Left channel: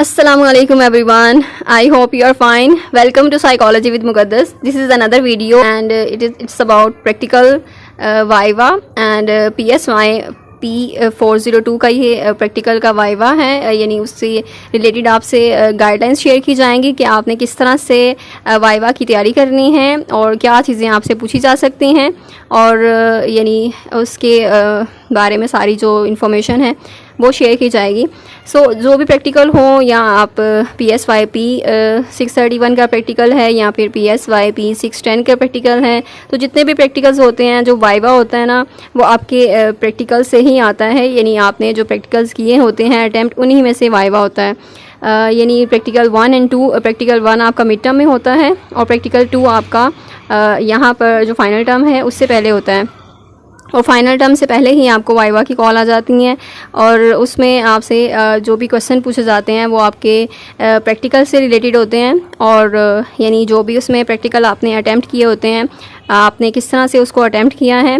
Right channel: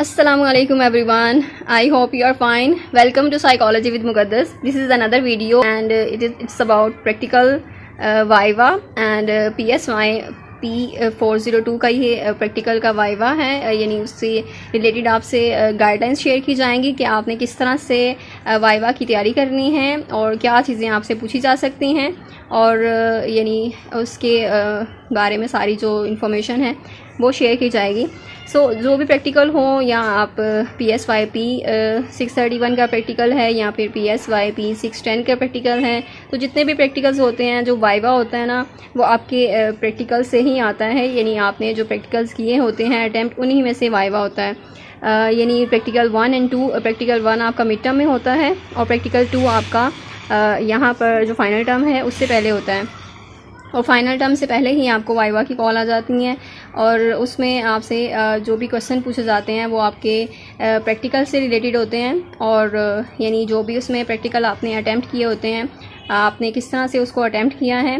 Assalamualaikum everyone. I hope you are fine. Welcome to Psychology with Muqaddas. This is another video and it's about practical Viva and PSY P402 का ये practical का viva है, यानी उससे related आपसे guidelines share की जाएंगी कि आपने किस तरह से वाइवा की तैयारी करनी है और क्या चीज़ें आपसे पूछी जा सकती हैं और यानी उसके बारे में सारी जो इन्फॉर्मेशन है वो शेयर की जाएगी। जो भी प्रैक्टिकल हो, या आप PSY P631 का प्रैक्टिकल है या फिर PSY P610 का प्रैक्टिकल है, तो जितने भी प्रैक्टिकल्स होते हैं, जो वाइवा होता है ना, वो आपके प्रैक्टिकल से ही आता है। यानी आपने जो प्रैक्टिकल्स किए होते हैं अटैम्प्ट, उन्हीं में से वाइवा होता है। यानी प्रैक्टिकल 1 और 2, प्रैक्टिकल 1 आपका मिड टर्म में होता है और प्रैक्टिकल 2 आपका यहाँ पर जो फाइनल टर्म है उससे पहले होता है। और फाइनल टर्म से पहले ही आपको वाइवा की कॉल आ जाती हैं और उसमें आपसे जो भी क्वेश्चन पूछे जाते हैं वो आपके प्रैक्टिकल से रिलेटेड होते हैं और यानी जो भी उसमें प्रैक्टिकल आपने अटैम्प्ट किए होते हैं, आपने किस तरह से उसको अटैम्प्ट किया है,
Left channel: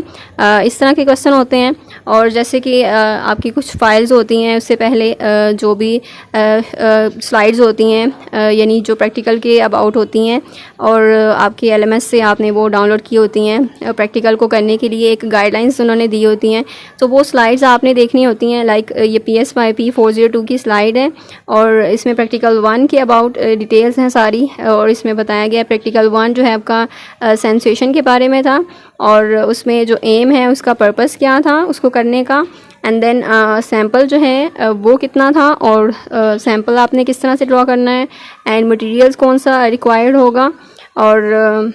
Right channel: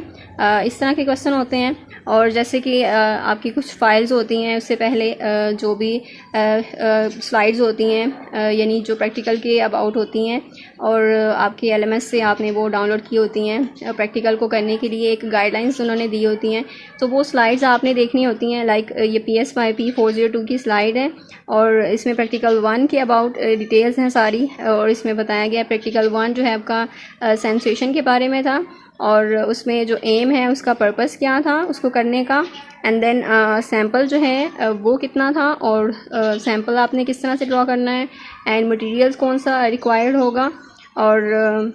इस तरह के क्वेश्चन होते हैं। और जैसे कि आपकी कुछ फाइल्स होती हैं, उससे पहले जो भी स्लाइड्स होती हैं, यानी जो प्रैक्टिकल के अबाउट होती हैं और आपके LMS से आपने वो डाउनलोड की होती हैं। प्रैक्टिकल को करने के लिए एक गाइडलाइंस उन्होंने दी होती हैं, तो वो स्लाइड्स आपने देखनी होती हैं। लाइक ये PSY P402 की स्लाइड है और इसमें प्रैक्टिकल 1 के अबाउट डिटेल्स हैं सारी, और इसमें बताया गया प्रैक्टिकल 1 जो है आपका सेंसेशन के बारे में था और उसमें जो एम है, उसका पर्पस क्या था उसको करने का, एंड देन सैम्पल जो है वो कितना था और सैम्पल आपने किस तरह से ड्रॉ करना है, एंड मटेरियल्स कौन सा रिक्वायर्ड होगा, और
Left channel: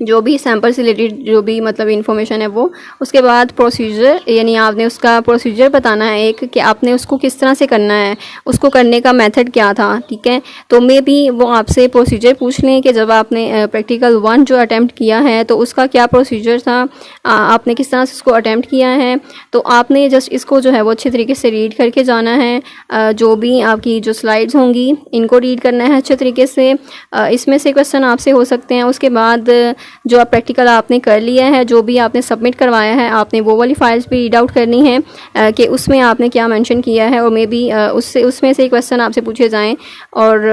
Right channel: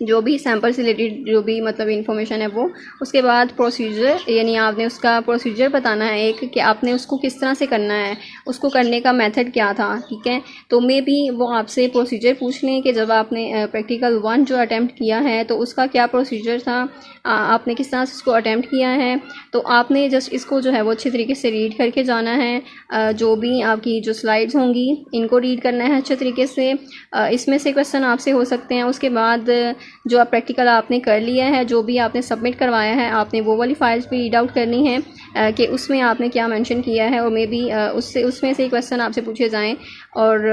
जो भी सैम्पल से रिलेटेड जो भी मतलब इन्फॉर्मेशन है वो। उसके बाद प्रोसीजर, यानी आपने उसका प्रोसीजर बताना है एक, कि आपने उसको किस तरह से करना है, उसको करने का मेथड क्या था। ठीक है, तो मे भी वो आपसे प्रोसीजर पूछ लें कि जब आपने प्रैक्टिकल 1 जो अटैम्प्ट किया है तो उसका क्या प्रोसीजर था, आपने किस तरह से उसको अटैम्प्ट किया है। तो आपने जस्ट इसको जो है वो अच्छे तरीके से रीड करके जाना है। जो भी आपकी जो स्लाइड्स होंगी इनको रीड करना है अच्छे तरीके से। इसमें से क्वेश्चन आपसे हो सकते हैं। उसके बाद जो प्रैक्टिकल आपने कर लिया है, जो भी आपने सबमिट करवाया है, आपने वो वाली फाइल्स भी रीड आउट करनी है कि उसमें आपने क्या मेंशन किया है, और मे बी उसमें से क्वेश्चन आपसे पूछे जाएं। और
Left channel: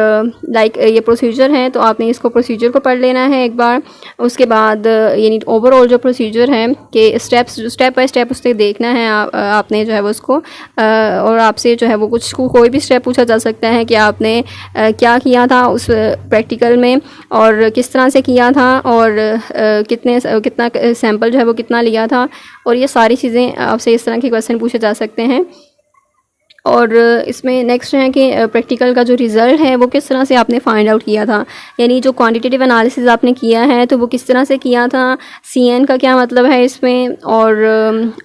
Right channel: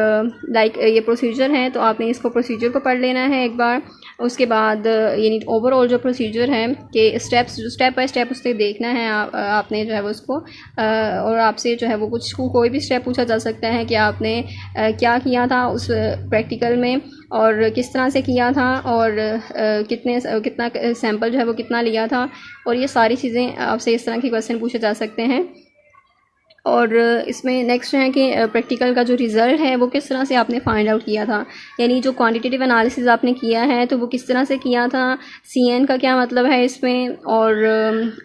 लाइक ये प्रोसीजर है तो आपने इसको प्रोसीजर को पढ़ लेना है एक बार। उसके बाद यानी ओवरऑल जो प्रोसीजर है कि स्टेप बाय स्टेप उससे देखना है आपने जो है वो उसको, और आपसे जो है वो कोई भी स्टेप पूछा जा सकता है कि आपने क्या किया था उस प्रैक्टिकल में और किस तरह से किया था, और कितना सैम्पल जो है वो कितना लिया था, और ये सारी चीज़ें आपसे इस तरह के क्वेश्चन पूछे जा सकते हैं। और इसमें नेक्स्ट है कि प्रैक्टिकल का जो रिज़ल्ट है वो किस तरह से आपने फाइंड आउट किया था, यानी जो क्वांटिटेटिव एनालिसिस आपने किया है तो वो किस तरह से किया था, CN का क्या मतलब है इसमें, और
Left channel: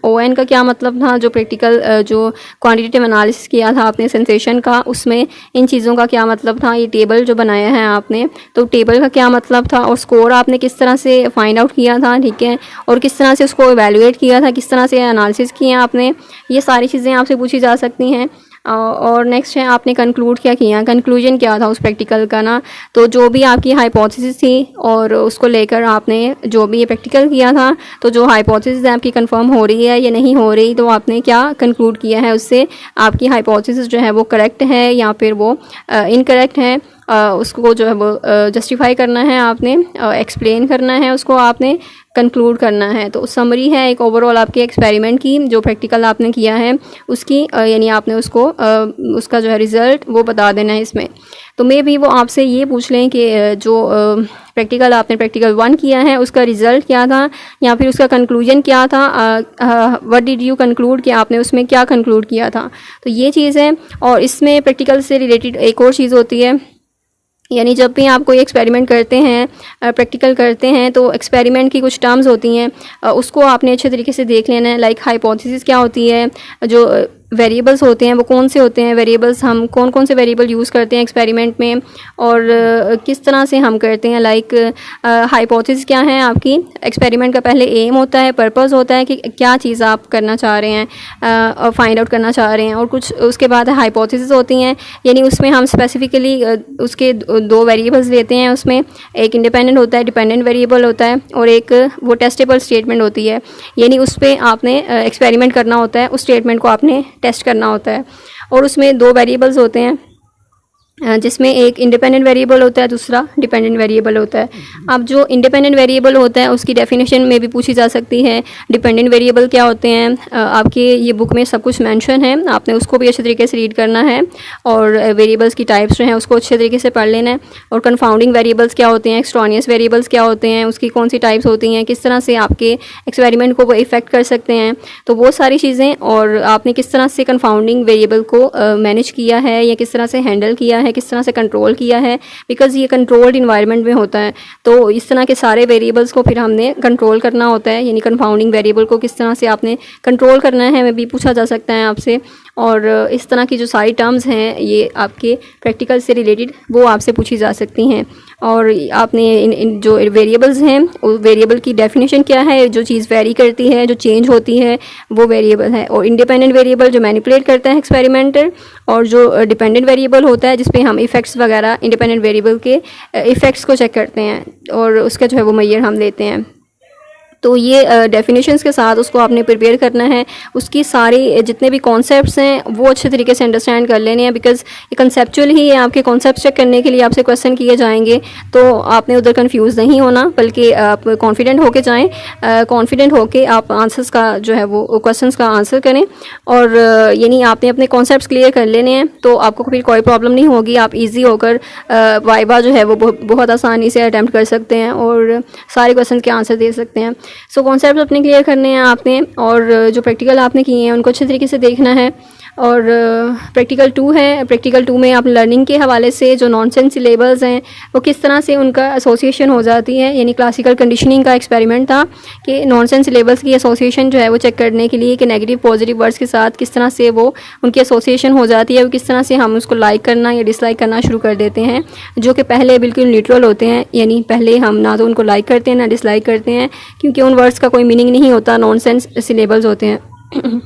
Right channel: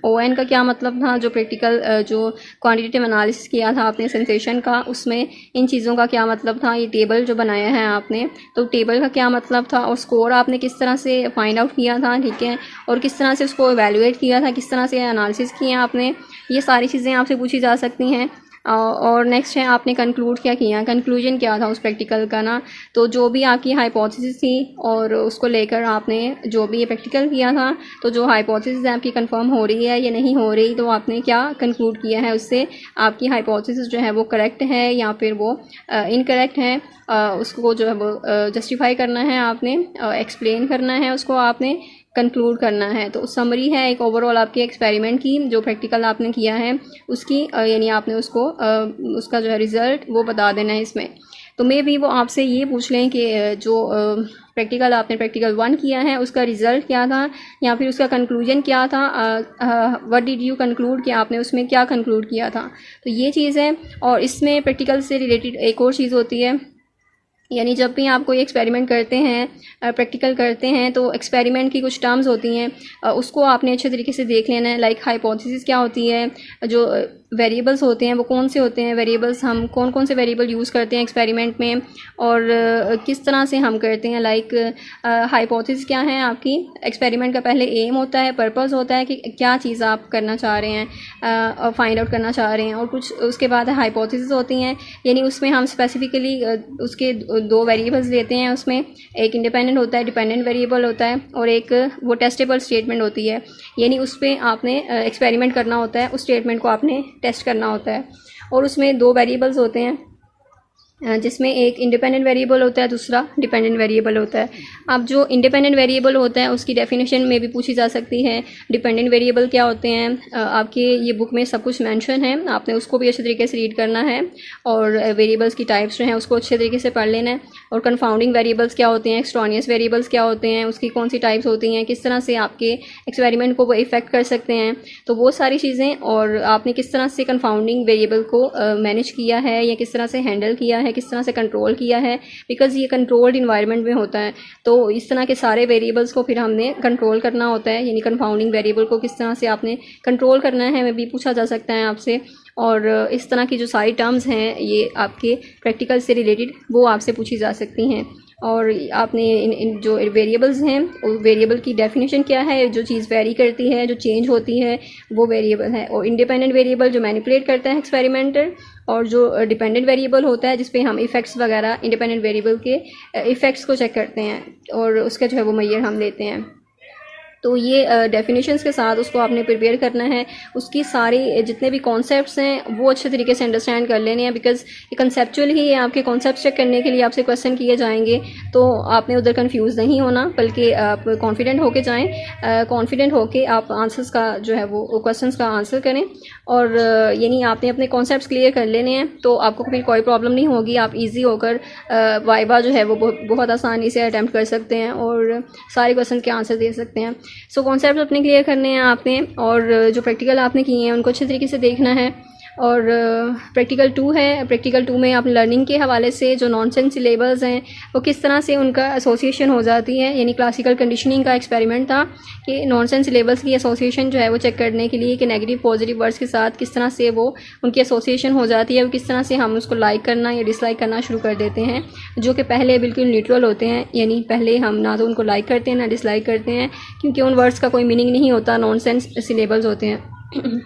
ON का क्या मतलब था। जो प्रैक्टिकल जो क्वांटिटेटिव एनालिसिस किया था आपने सेंसेशन का, उसमें इन चीज़ों का क्या मतलब था। ये टेबल जो बनाया है आपने, तो टेबल का क्या मतलब था, और स्कोर आपने किस तरह से फाइंड आउट किया था। ठीक है, और किस तरह से उसको एवेलुएट किया था, किस तरह से एनालिसिस किया आपने, ये सारी चीज़ें आपसे पूछी जा सकती हैं। और नेक्स्ट है आपने कंक्लूड क्या किया, कंक्लूजन क्या था उस प्रैक्टिकल का ना। तो जो भी आपकी हाइपोथेसिस थी और उसको लेकर आपने जो भी ये प्रैक्टिकल किया था, तो जो हाइपोथेसिस है आपकी कंफर्म हो रही है या नहीं हो रही, तो आपने क्या कंक्लूड किया है उससे, आपकी हाइपोथेसिस जो है वो करेक्ट है या फिर वो इनकरेक्ट है। उसको जो है वो जस्टिफाई करना है आपने, एक्सप्लेन करना है उसको, आपने कंक्लूड करना है। तो समरी है एक ओवरऑल आपके एक्सपेरिमेंट की, जो प्रैक्टिकल आपने किया है उसकी, यानी आपने उसको उसका जो है रिज़ल्ट वो बता देना है इसमें। तो मे भी वो आपसे ये पूछ लें कि जो प्रैक्टिकल 1 किया है उसका रिज़ल्ट क्या था, या फिर उसका कंक्लूजन क्या था, व्हाट डिड यू कंक्लूड, कि आपने उसमें क्या कंक्लूड किया था। तो ये चीज़ है। और इसमें प्रैक्टिकल से रिलेटेड एक और चीज़ होती है, यानी जब भी आप कोई एक्सपेरिमेंट करते हैं, प्रैक्टिकल करते हैं, तो एक्सपेरिमेंट की कुछ टर्म्स होती हैं, उसको आपने अच्छे तरीके से देख लेना है। लाइक हाइपोथेसिस क्या होती है, जो वेरिएबल्स होते हैं वो कौन से होते हैं, वेरिएबल्स हम कौन कौन से वेरिएबल यूज़ करते हैं एक्सपेरिमेंट में, और किस तरह से हम करते हैं। लाइक हाइपोथेसिस क्या है आपकी, एक्सपेरिमेंट का पहले एम होता है, पर्पस होता है कि क्या चीज़ आप करना चाह रहे हैं और फाइंड आउट करना चाह रहे हैं, और कुछ उसके बाद हाइपोथेसिस होती हैं, यानी उसमें हम स्पेसिफिकली उसके 2 वेरिएबल्स लेते हैं। उसमें एक इंडिपेंडेंट होता है, डिपेंडेंट वेरिएबल होता है, और एक वो टेस्टेबल स्टेटमेंट होती है, यानी उस पर आपने एक्सपेरिमेंट करना होता है, उस स्टेटमेंट को आपने टेस्ट करना होता है। और उसमें 2 वेरिएबल्स होते हैं, जिसमें एक इंडिपेंडेंट वेरिएबल होता है, दूसरा डिपेंडेंट वेरिएबल होता है। अब जो इंडिपेंडेंट वेरिएबल होता है उसकी डेफिनेशन में भी पूछी जा सकती है। डिपेंडेंट वेरिएबल क्या होते हैं, आपके ये बुक में सब कुछ मेंशन है, आपने उसको भी अच्छे तरीके से रीड करना है और वेरिएबल्स की टाइप्स जो हैं उसको अच्छे तरीके से पढ़ लेना है। और कन्फाउंडिंग वेरिएबल्स क्या होते हैं, एक्सट्रानियस वेरिएबल्स क्या होते हैं, उसकी कौन सी टाइप्स होती हैं, किस तरह से आपके एक्सपेरिमेंट को वो इफेक्ट कर सकते हैं, तो वो सारी चीज़ें, और आपने किस तरह से कन्फाउंडिंग वेरिएबल को मैनेज किया है या किस तरह से हैंडल किया है, किस तरह से कंट्रोल किया है, बिकॉज़ ये कंट्रोल्ड इन्वायरमेंट में होता है। तो इस तरह के सारे वेरिएबल्स को फिर हमने कंट्रोल करना होता है, यानी कंपाउंडिंग वेरिएबल को किस तरह से आपने कंट्रोल करना है मैं भी पूछा जा सकता है आपसे। और इस तरह की जो सारी टर्म्स हैं ये आपके प्रैक्टिकल से रिलेटेड वो आपसे पूछी जा सकती हैं। और आपने इन जो वेरिएबल्स हैं उस वेरिएबल की डेफिनेशन क्या है, जो चीज़ वेरी करती है, जो चेंज होती है, वो वेरिएबल है। और इंडिपेंडेंट वेरिएबल जो मैनिपुलेट करता है एक्सपेरिमेंटर, और जो डिपेंडेंट वेरिएबल होता है जिस पे हम इफ़ेक्ट्स वगैरह इंडिपेंडेंट वेरिएबल के इफ़ेक्ट्स को चेक करते हैं और उसका जो है वो मेजर हम लेते हैं। तो ये डेफिनेशंस के साथ उसको आपने प्रिपेयर करना है, उसकी सारी जितने भी कॉन्सेप्ट्स हैं वो अच्छे तरीके से अंडरस्टैंड कर लेने हैं, बिकॉज ये कंसेप्चुअल ही आपके कॉन्सेप्ट चेक करने के लिए आपसे क्वेश्चन किए जाएंगे। तो आपने उधर कंफ्यूज नहीं होना, बल्कि आप कॉन्फिडेंट होके जाएं, कॉन्फिडेंट होके आप आंसर्स का जो है वो क्वेश्चंस का आंसर करें। और यानी आपने अपने कॉन्सेप्ट्स क्लियर कर लेने हैं तो आपको फिर कोई प्रॉब्लम नहीं होगी, आप ईजी होकर वाइवा जो है वो बहुत आसानी से अटैम्प्ट कर सकते हैं और सारे क्वेश्चन के आंसर दे सकते हैं। सो कॉन्सेप्ट अपने क्लियर करने हैं आपने, और जो प्रैक्टिकल आपने किए हैं उनको अच्छे तरीके से देखना है। और प्रैक्टिकल 2 है, प्रैक्टिकल 2 में आप लर्निंग के हवाले से जो नॉनसेंस सिलेबस हैं वो किस तरह से उनका एसोसिएशन हो जाती है, यानी क्लासिकल कंडीशनिंग का एक्सपेरिमेंट था कि नॉनसेंस सिलेबस की एसोसिएशन जो है वो चेक करने के लिए कि नेगेटिव पॉजिटिव वर्ड्स के साथ किस तरह से वो उनकी एसोसिएशन हो जाती है, वो किस तरह से हम उसको लाइक करना या डिसलाइक करना शुरू कर देते हैं, जो कि पहले बिल्कुल न्यूट्रल होते हैं, यानी पहले हम ना तो उनको लाइक करते हैं ना डिसलाइक करते हैं, क्योंकि उन वर्ड्स का कोई मीनिंग नहीं होता, नॉनसेंस सिलेबल्स होते हैं।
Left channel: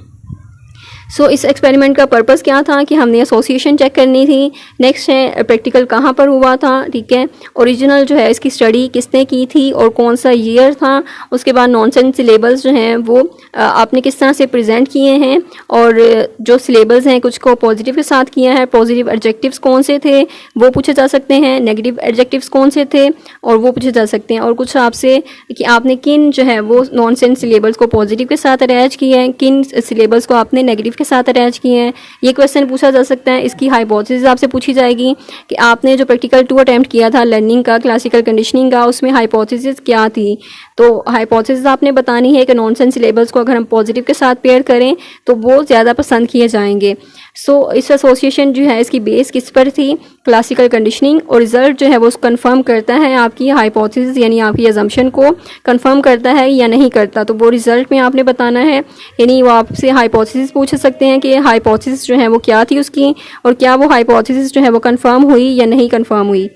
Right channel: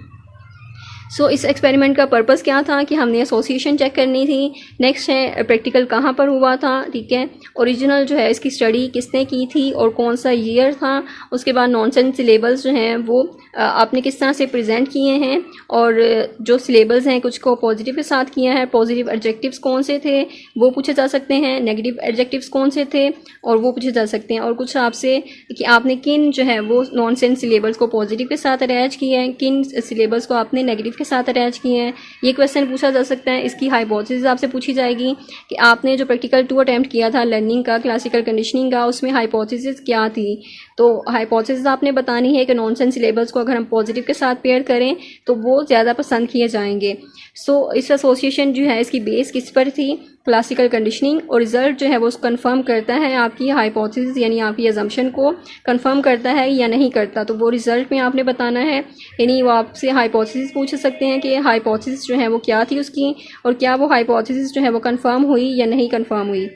सो इस एक्सपेरिमेंट का पर्पस क्या था कि हमने एसोसिएशन चेक करनी थी। नेक्स्ट है प्रैक्टिकल कहाँ पर हुआ था, ठीक है, ओरिजिनल जो है इसकी स्टडी किसने की थी और कौन सा ईयर था, उसके बाद नॉनसेंस सिलेबल्स जो हैं वो आपने किस तरह से प्रेजेंट किए हैं, और जो सिलेबल्स हैं कुछ को पॉजिटिव के साथ किया है, पॉजिटिव एडजेक्टिव्स कौन से थे वो पूछे जा सकते हैं, नेगेटिव एडजेक्टिव्स कौन से थे और वो पूछे जा सकते हैं, और कुछ आपसे कि आपने किन जो है वो नॉनसेंस सिलेबल्स को पॉजिटिव के साथ अटैच किया है, किन सिलेबल्स को आपने नेगेटिव के साथ अटैच किए हैं, ये क्वेश्चन पूछा जा सकता है। इसकी हाइपोथेसिस आपसे पूछी जाएगी कि आपने जो प्रैक्टिकल 2 अटेम्प्ट किया था लर्निंग का, क्लासिकल कंडीशनिंग का, उसमें हाइपोथेसिस क्या थी। तो हाइपोथेसिस आपने बतानी है कि नॉनसेंस सिलेबल्स को अगर हम पॉजिटिव के साथ पेयर करें तो वो ज़्यादा पसंद किए जाएंगे। सो इस एसोसिएशन जो है इसकी बेस किस पर थी, क्लासिकल कंडीशनिंग, और रिजल्ट जो है वो कंफर्म करता है आपकी हाइपोथेसिस यानी आपकी अजम्पशन को कंफर्म करता है या नहीं करता, तो वो रिजल्ट में आपने बताना है। यानी वो आपसे हाइपोथेसिस पूछ सकते हैं कि हाइपोथेसिस जो है वो क्या थी उसकी, और क्या वो हाइपोथेसिस जो है वो कंफर्म हुई या नहीं कंफर्म हुई।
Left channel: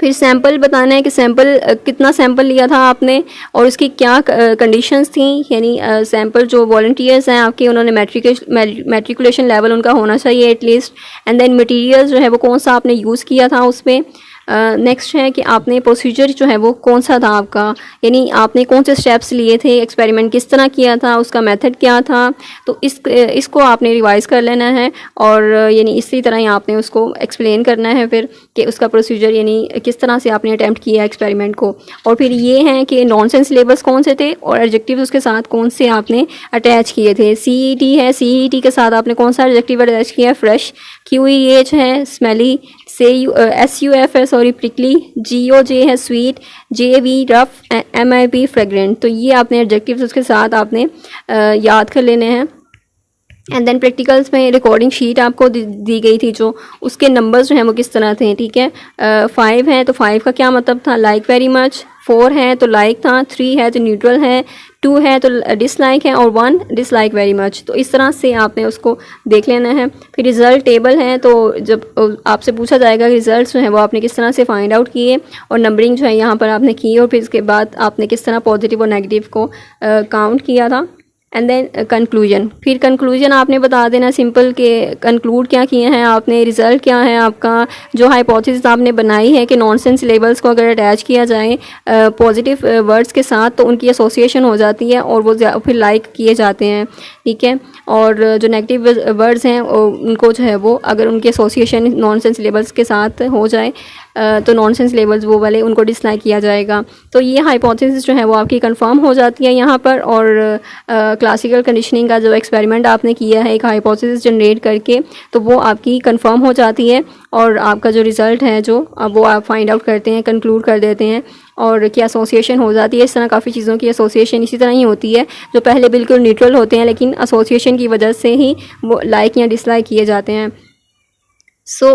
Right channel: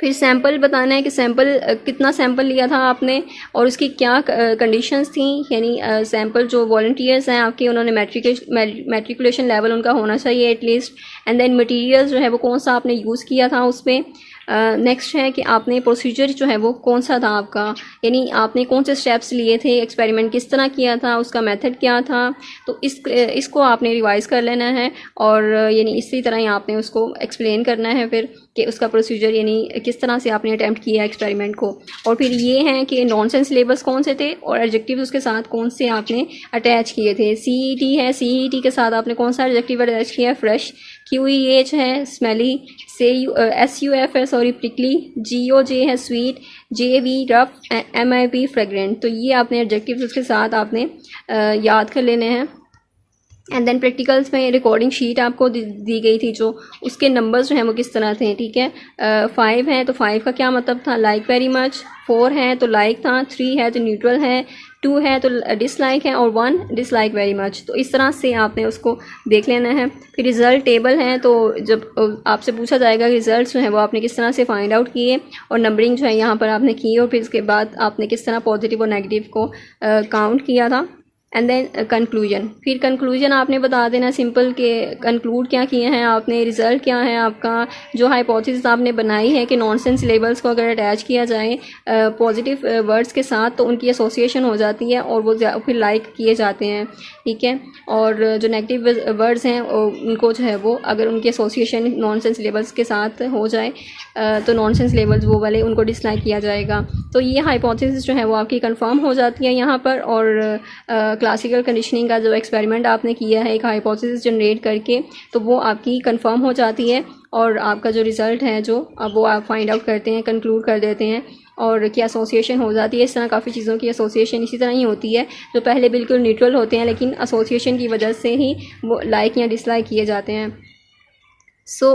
फिर सैंपल बताना है कि सैंपल कितना सैंपल लिया था आपने और उसकी क्या कंडीशंस थी, यानी सैंपल जो वॉलंटियर्स हैं आपके उन्होंने मैट्रिकुलेशन लेवल उनका होना चाहिए एटलीस्ट, एंड देन मटेरियल्स जो है वो कौन सा आपने यूज़ किया था उसमें। नेक्स्ट है कि आपने प्रोसीजर जो है वो कौन सा था आपका, यानी आपने कौन से स्टेप्स लिए थे, एक्सपेरिमेंट किस तरह किया था, उसका मेथड क्या था, तो इसको आपने रिवाइज़ कर लेना है, और यानी इसी तरह ही आपने उसको एक्सप्लेन करना है फिर कि उसका प्रोसीजर यानी किस तरह से आपने अटैम्प्ट किया एक्सपेरिमेंट को। और फिर ये है कि नॉनसेंस सिलेबस कौन से थे और एडजेक्टिव उसके साथ कौन से आपने अटैच किए थे। CET है, CET के साथ आपने कौन सा एडजेक्टिव अटैच किया है, फ्रेश। QEH है, स्मेली। SUF है, सॉरी, प्रिकली। GOJ है, sweet. JV rough. MIP fragrant. तो ये आपने एडजेक्टिव्स उसके साथ आपने याद कर लेने हैं। एंड देन प्रैक्टिकल्स में रिकॉर्डिंग शीट आपको दी गई थी, जो उसके नंबर्स जो हैं वो किस तरह थे, ठीक है। 5 है तो 5 का क्या मतलब था, लाइक वेरी मच। 4 है तो लाइक था। 3 है तो न्यूट्रल है। 2 है तो डिसलाइक है, और 1 डिसलाइक वेरी मच। तो इस तरह से आपने उसको देख लेना है। फिर रिज़ल्ट टेबल है, तो जब आपसे पूछा जाएगा कि रिजल्ट्स जो हैं वो आपने किस तरह से फाइंड आउट किए, और नंबरिंग जो है यहाँ पर आपने की, और फिर इसके बाद आपने किस तरह पॉजिटिव और नेगेटिव को काउंट किया था। And then conclusion. फिर कंक्लूजन आपने बता देना सिंपल के कंक्लूड क्या किए हैं आपने, रिज़ल्ट क्या है आपका, जो हाइपोथेसिस आपने बनाई है कि नॉनसेंस लेबल्स को अगर अटैच किया जाए पॉजिटिव वर्ड्स के साथ तो उनकी एसोसिएशन हो जाती है और वो फिर लाइक किए जाते हैं, ठीक है। और जो नेगेटिव वर्ड्स हैं उनको जो है वो अगर उनकी एसोसिएशन नॉनसेंस लेबल्स के साथ हो जाए तो नॉनसेंस लेबल्स वो वाले उनको डिसलाइक किया जाएगा। तो ये हाइपोथेसिस जो है वो आपकी कंफर्म हो जाती है यहाँ पर। और क्लासिकल कंडीशनिंग का जो एक्सपेरिमेंट आपने किया है एक हाइपोथेसिस जनरेट करके, तो वो आपकी कंफर्म हो जाती है और आपका जो रिज़ल्ट है जो अब वो आप फाइंड आउट करते हैं, कंक्लूड कर देते हैं और क्या एसोसिएशन हो जाती है। इस तरह काफ़ी चीज़ों की एसोसिएशन इसी तरह ही होती है जो पहले बिल्कुल न्यूट्रल होते हैं लेकिन एसोसिएशन की वजह से ही वो लाइक या डिसलाइक किए जाते हैं। सो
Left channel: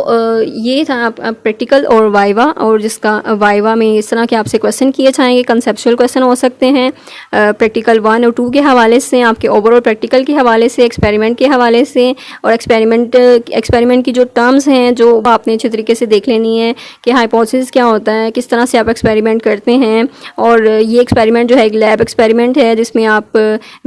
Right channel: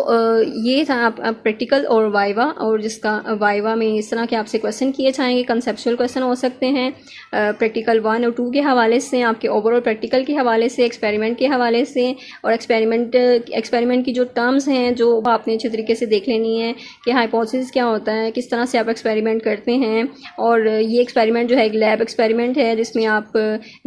ये था आप प्रैक्टिकल और वाइवा, और जिसका वाइवा में इस तरह के आपसे क्वेश्चन किए जाएंगे, कंसेप्चुअल क्वेश्चन हो सकते हैं प्रैक्टिकल 1 और 2 के हवाले से, आपके ओवरऑल प्रैक्टिकल के हवाले से, एक्सपेरिमेंट के हवाले से, और एक्सपेरिमेंट की जो टर्म्स हैं जो आपने अच्छे तरीके से देख लेनी है कि हाइपोथेसिस क्या होता है, किस तरह से आप एक्सपेरिमेंट करते हैं। और ये एक्सपेरिमेंट जो है एक लैब एक्सपेरिमेंट है जिसमें आप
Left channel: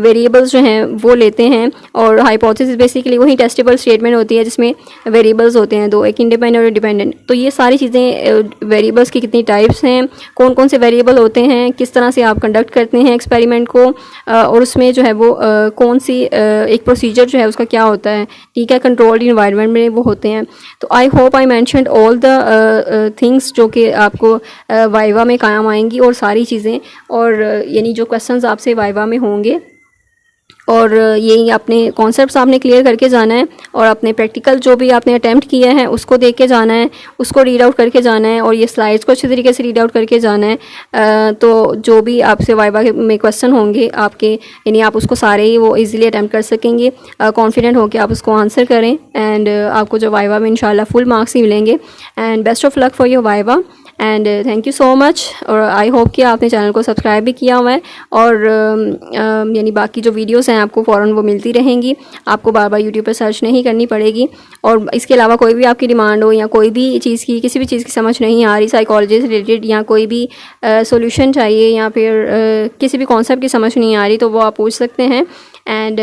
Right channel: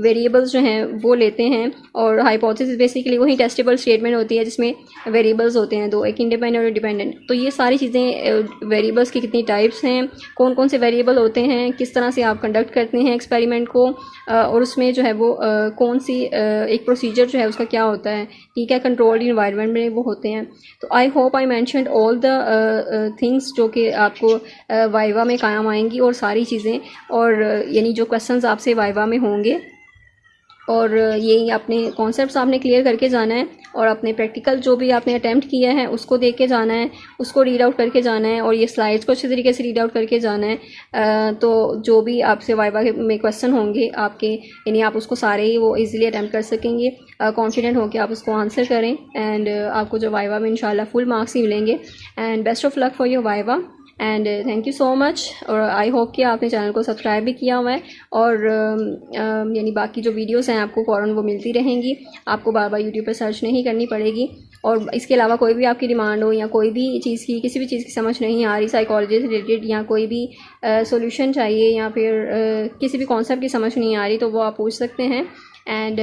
वेरिएबल्स जो हैं वो लेते हैं, और हाइपोथेसिस बेसिकली वही टेस्टेबल स्टेटमेंट होती है जिसमें वेरिएबल्स होते हैं दो, एक इंडिपेंडेंट और डिपेंडेंट। तो ये सारी चीज़ें वेरिएबल्स की कितनी टाइप्स हैं, कौन कौन से वेरिएबल होते हैं, किस तरह से आप कंडक्ट करते हैं एक्सपेरिमेंट को, और उसमें जो है वो कौन सी एक प्रोसीजर जो है उसका क्या होता है, ठीक है, कंट्रोल्ड इन्वायरमेंट में वो होते हैं। तो I hope I mentioned all the things जो कि आपको वाइवा में काम आएंगी, और सारी चीज़ें, और यानी जो क्वेश्चंस आपसे वाइवा में होंगे, और यही अपने कॉन्सेप्ट्स आपने क्लियर करके जाना है, और अपने प्रैक्टिकल जो भी आपने अटैम्प्ट किया है उसको देख के जाना है, उसको रीड आउट करके जाना है, और ये स्लाइड्स को अच्छे तरीके से रीड आउट करके जाना है। तो जो भी आपसे वाइवा में क्वेश्चन होंगे आपके, यानी आप उसको सारे ही वो इजीली अटैम्प्ट कर सकेंगे, कॉन्फिडेंट होकर आप उसको आंसर करें, एंड आपको जो वाइवा में इंशाल्लाह फुल मार्क्स ही मिलेंगे। And best of luck for your viva, and thank you so much. और आई होप कि आपने चैनल को सब्सक्राइब भी किया हुआ है, और यानी बाकी जो वीडियोस हैं आपको फ़ौरन वो मिलती रहेंगी, आपको बार बार यूट्यूब पर सर्च नहीं करनी पड़ेगी। और इसके अलावा कोई भी आपकी डिमांड हो या कोई भी चीज़ की, किसी भी चीज़ की समझ नहीं आ रही साइकोलॉजी से रिलेटेड, या कोई भी सोल्यूशन चाहिए, या फिर किसी भी कॉन्सेप्ट की समझ नहीं आ रही, तो वो आप पूछ सकते हैं। एंड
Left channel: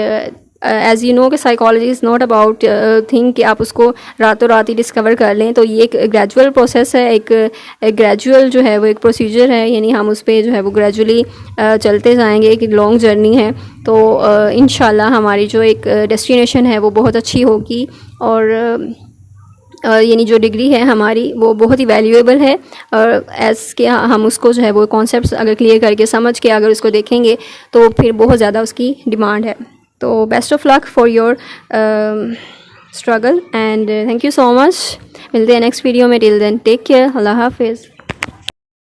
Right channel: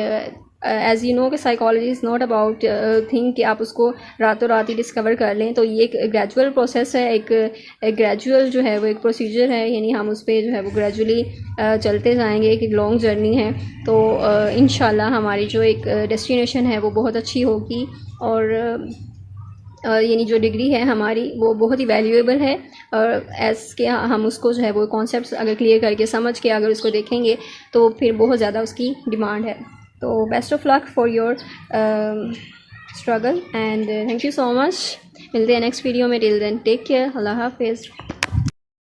एज़ यू नो कि psychology is not about thing कि आप उसको रातों रात ही डिस्कवर कर लें। तो ये एक ग्रेजुअल प्रोसेस है, एक ग्रेजुअल जो है वो एक प्रोसीजर है, यानी हम उस पर जो है वो ग्रेजुअली चलते जाएंगे, एक लॉन्ग जर्नी है। तो इंशाल्लाह हमारी जो एक डेस्टिनेशन है वो बहुत अच्छी होगी, और यानी जो डिग्री है हमारी वो बहुत ही वैल्यूएबल है, और एज़ के हम उसको जो है वो कॉन्सेप्ट्स अगर क्लियर करके समझ के अगर उसको देखेंगे तो फिर बहुत ज़्यादा उसकी डिमांड है। तो best of luck for your struggle, and thank you so much. मिलते हैं नेक्स्ट वीडियो में, टिल देन टेक केयर, अल्लाह हाफिज़।